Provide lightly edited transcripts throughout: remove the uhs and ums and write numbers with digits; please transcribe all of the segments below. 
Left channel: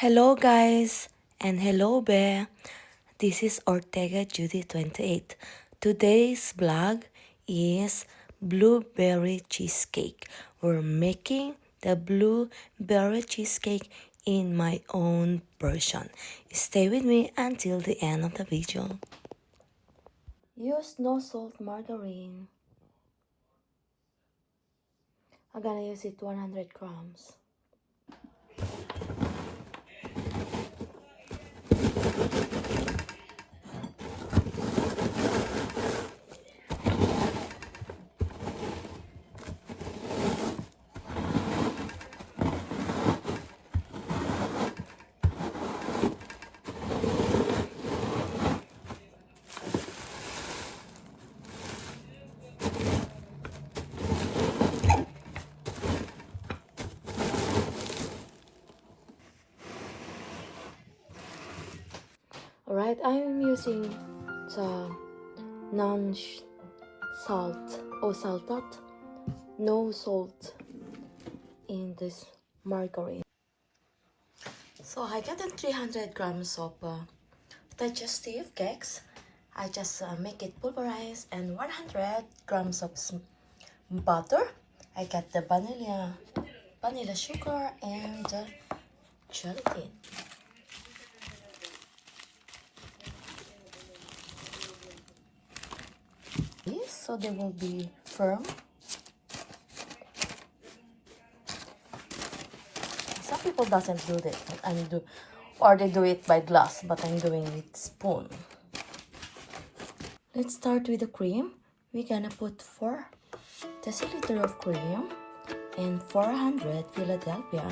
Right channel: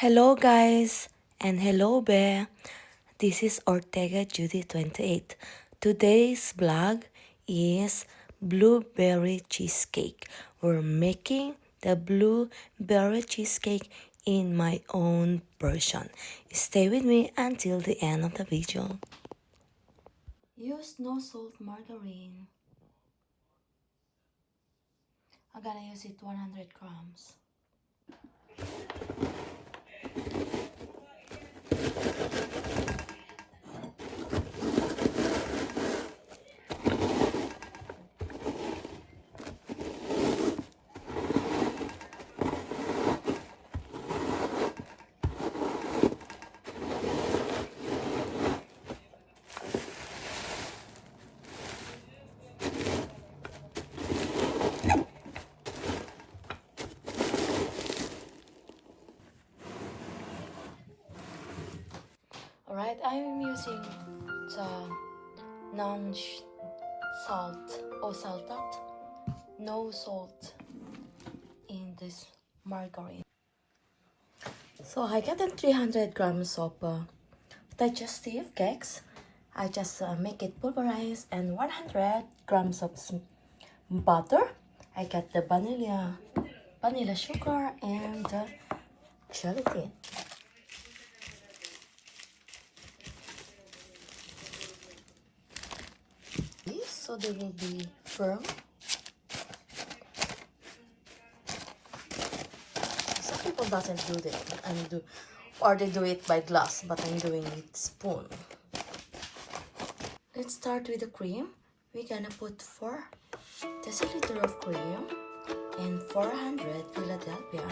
Hello guys and hello Bear. This is Ortega Judy 28. Today's vlog is blueberry cheesecake. We're making the blueberry cheesecake in my own version. Stay with me until the end of the video. Use no salt margarine. I'm gonna use it 100 grams. Alright, I'm using the non-salt or salted, no salt in this margarine. So I got 300 grams of digestive cakes. I just make it pulverized and 100 grams of butter. I got the vanilla sugar and gelatin. So they will be firm. Some people doesn't do that, but or they do it by glass, but I'm doing it spoon. Let's start with the cream. We're gonna put 4 deciliter of cream and 400 Philadelphia.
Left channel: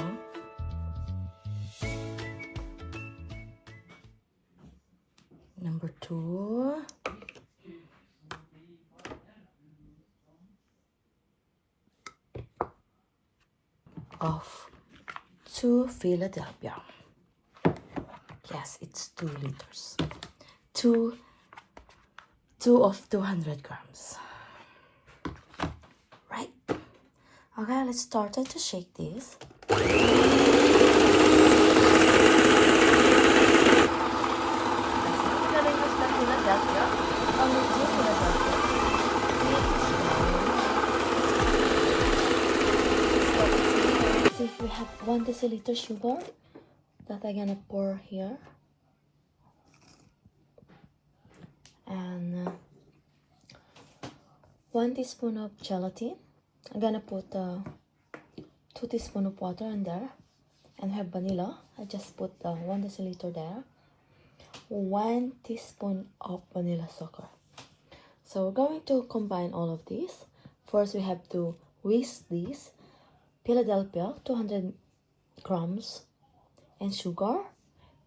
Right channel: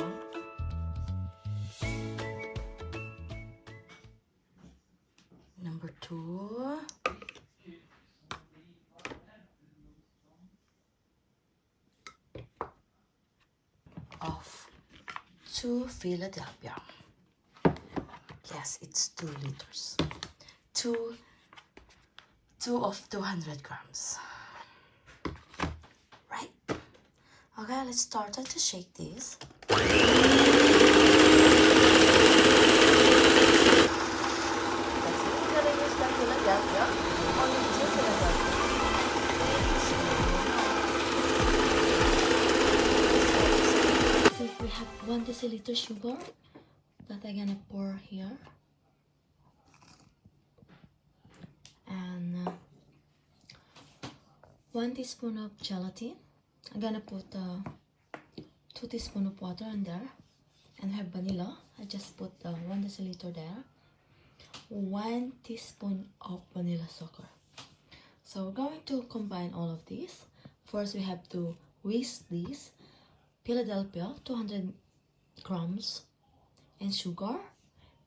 Number 2. Of 2 Philadelphia. Yes, it's 2 liters. 2 of 200 grams. Right. Okay, let's start to shake this. We're gonna use the Philadelphia. Only 2 Philadelphia. We have 1 deciliter sugar that I'm gonna pour here, and 1 teaspoon of gelatin. I'm gonna put 2 teaspoons of water in there, and have vanilla. I just put 1 deciliter there. 1 teaspoon of vanilla sugar. So we're going to combine all of these. First, we have to whisk this Philadelphia 200 grams and sugar,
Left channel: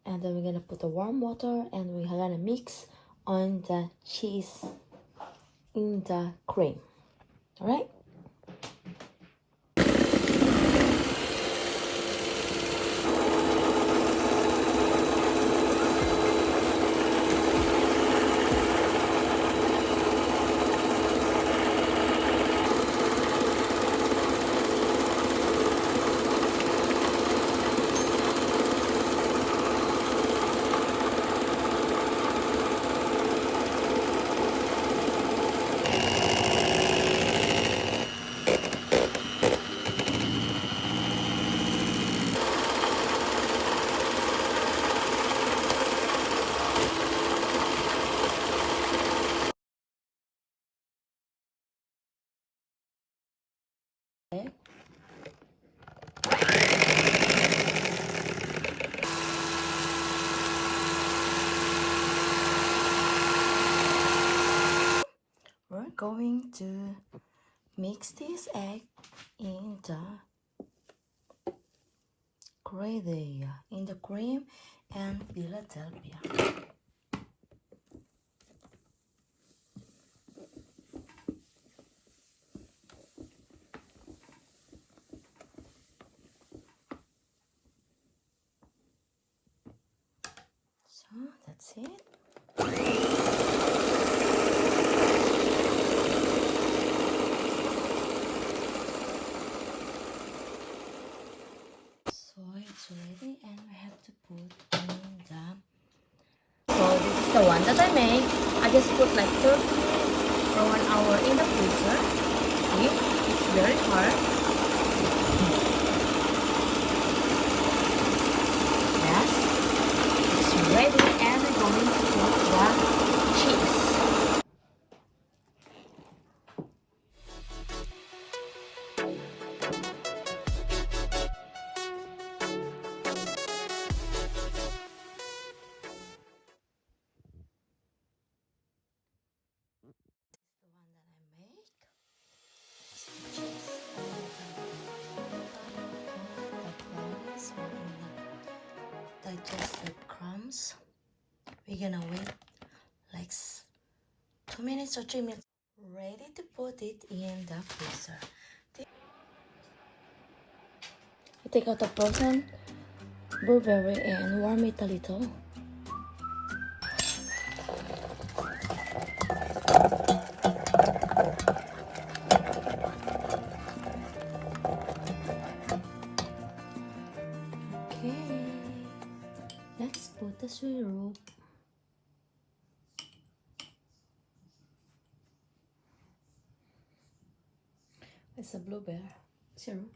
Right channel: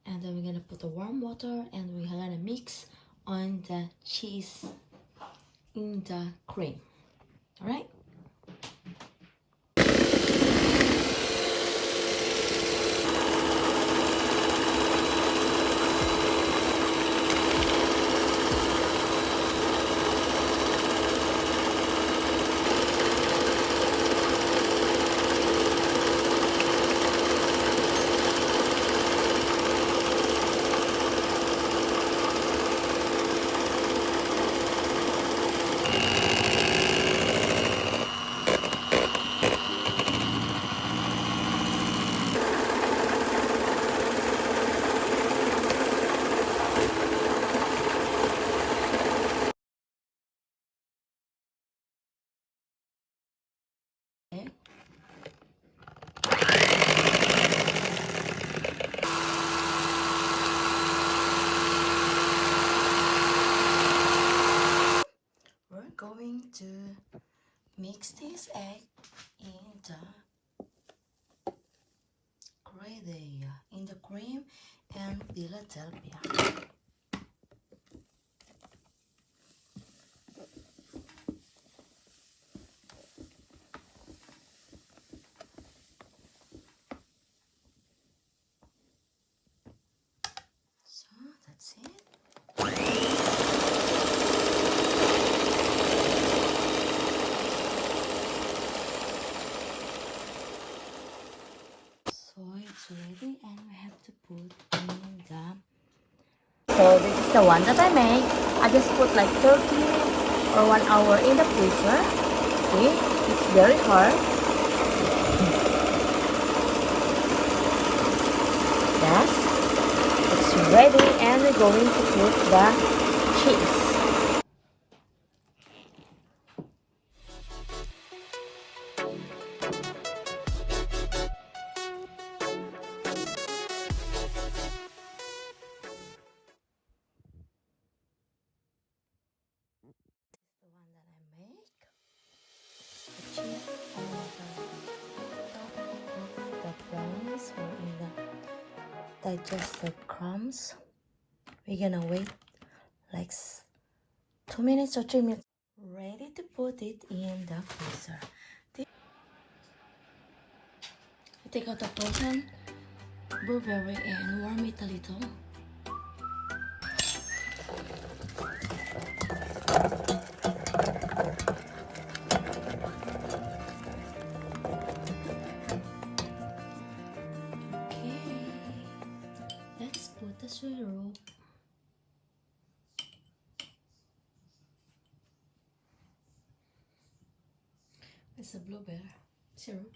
and then we're gonna put the warm water and we're gonna mix on the cheese in the cream. All right. We're going to mix this egg in the cream and Philadelphia. So that's it. So I it's ready and we have to put in the... So this is the one that I made. I just put like 30 or 1 hour in the freezer. See, it's very hard. Yeah, it's ready and we're going to put the cheese. The one that I make, the cheese on the top of the brownies or in the digested crumbs. We're gonna wait like 2 minutes or 3 minutes. Ready to put it in the freezer. I take out the frozen blueberry and warm it a little. Let's put the syrup. It's a blueberry syrup.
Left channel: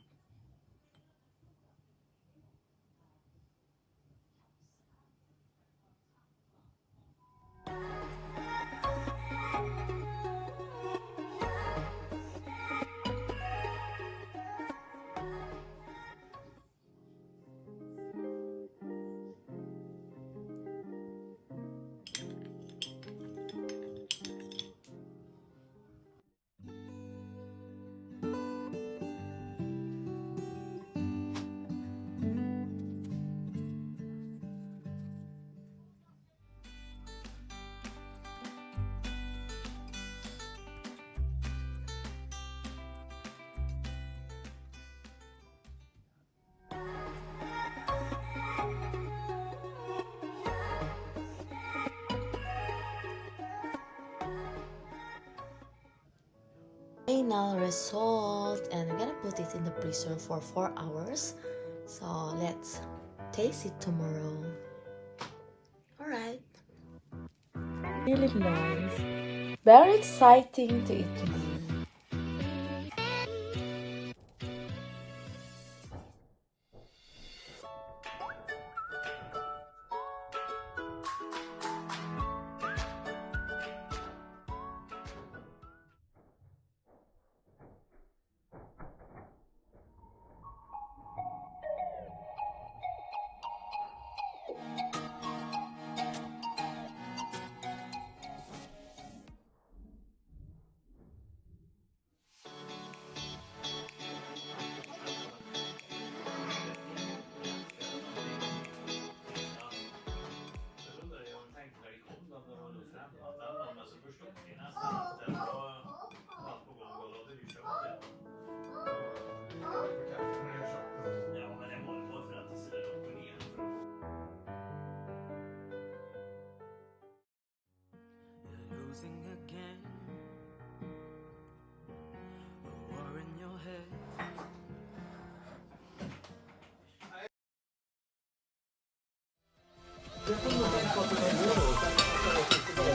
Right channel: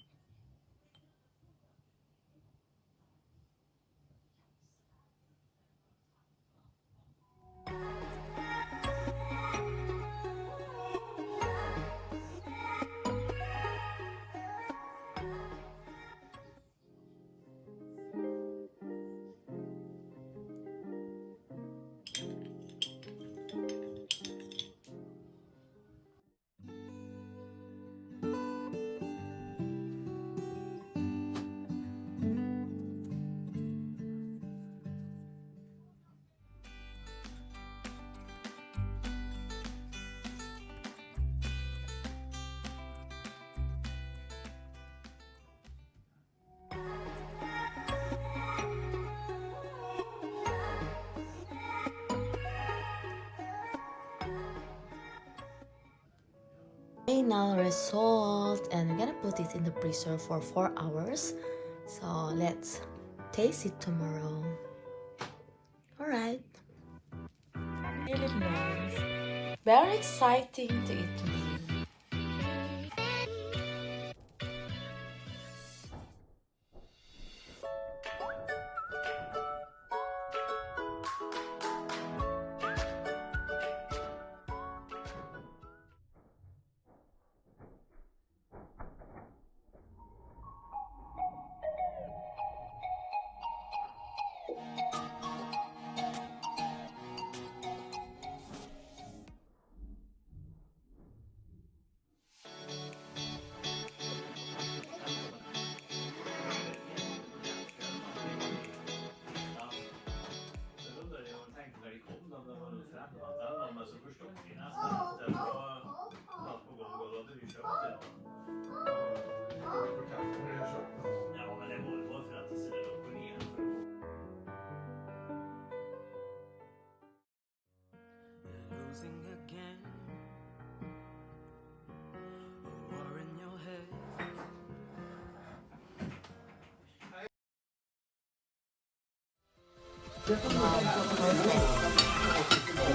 Final result, and we're gonna put it in the freezer for 4 hours. So let's taste it tomorrow. Alright. Really nice. Very exciting to eat tomorrow.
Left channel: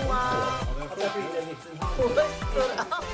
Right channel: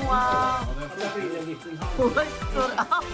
Wow! Boy stood up.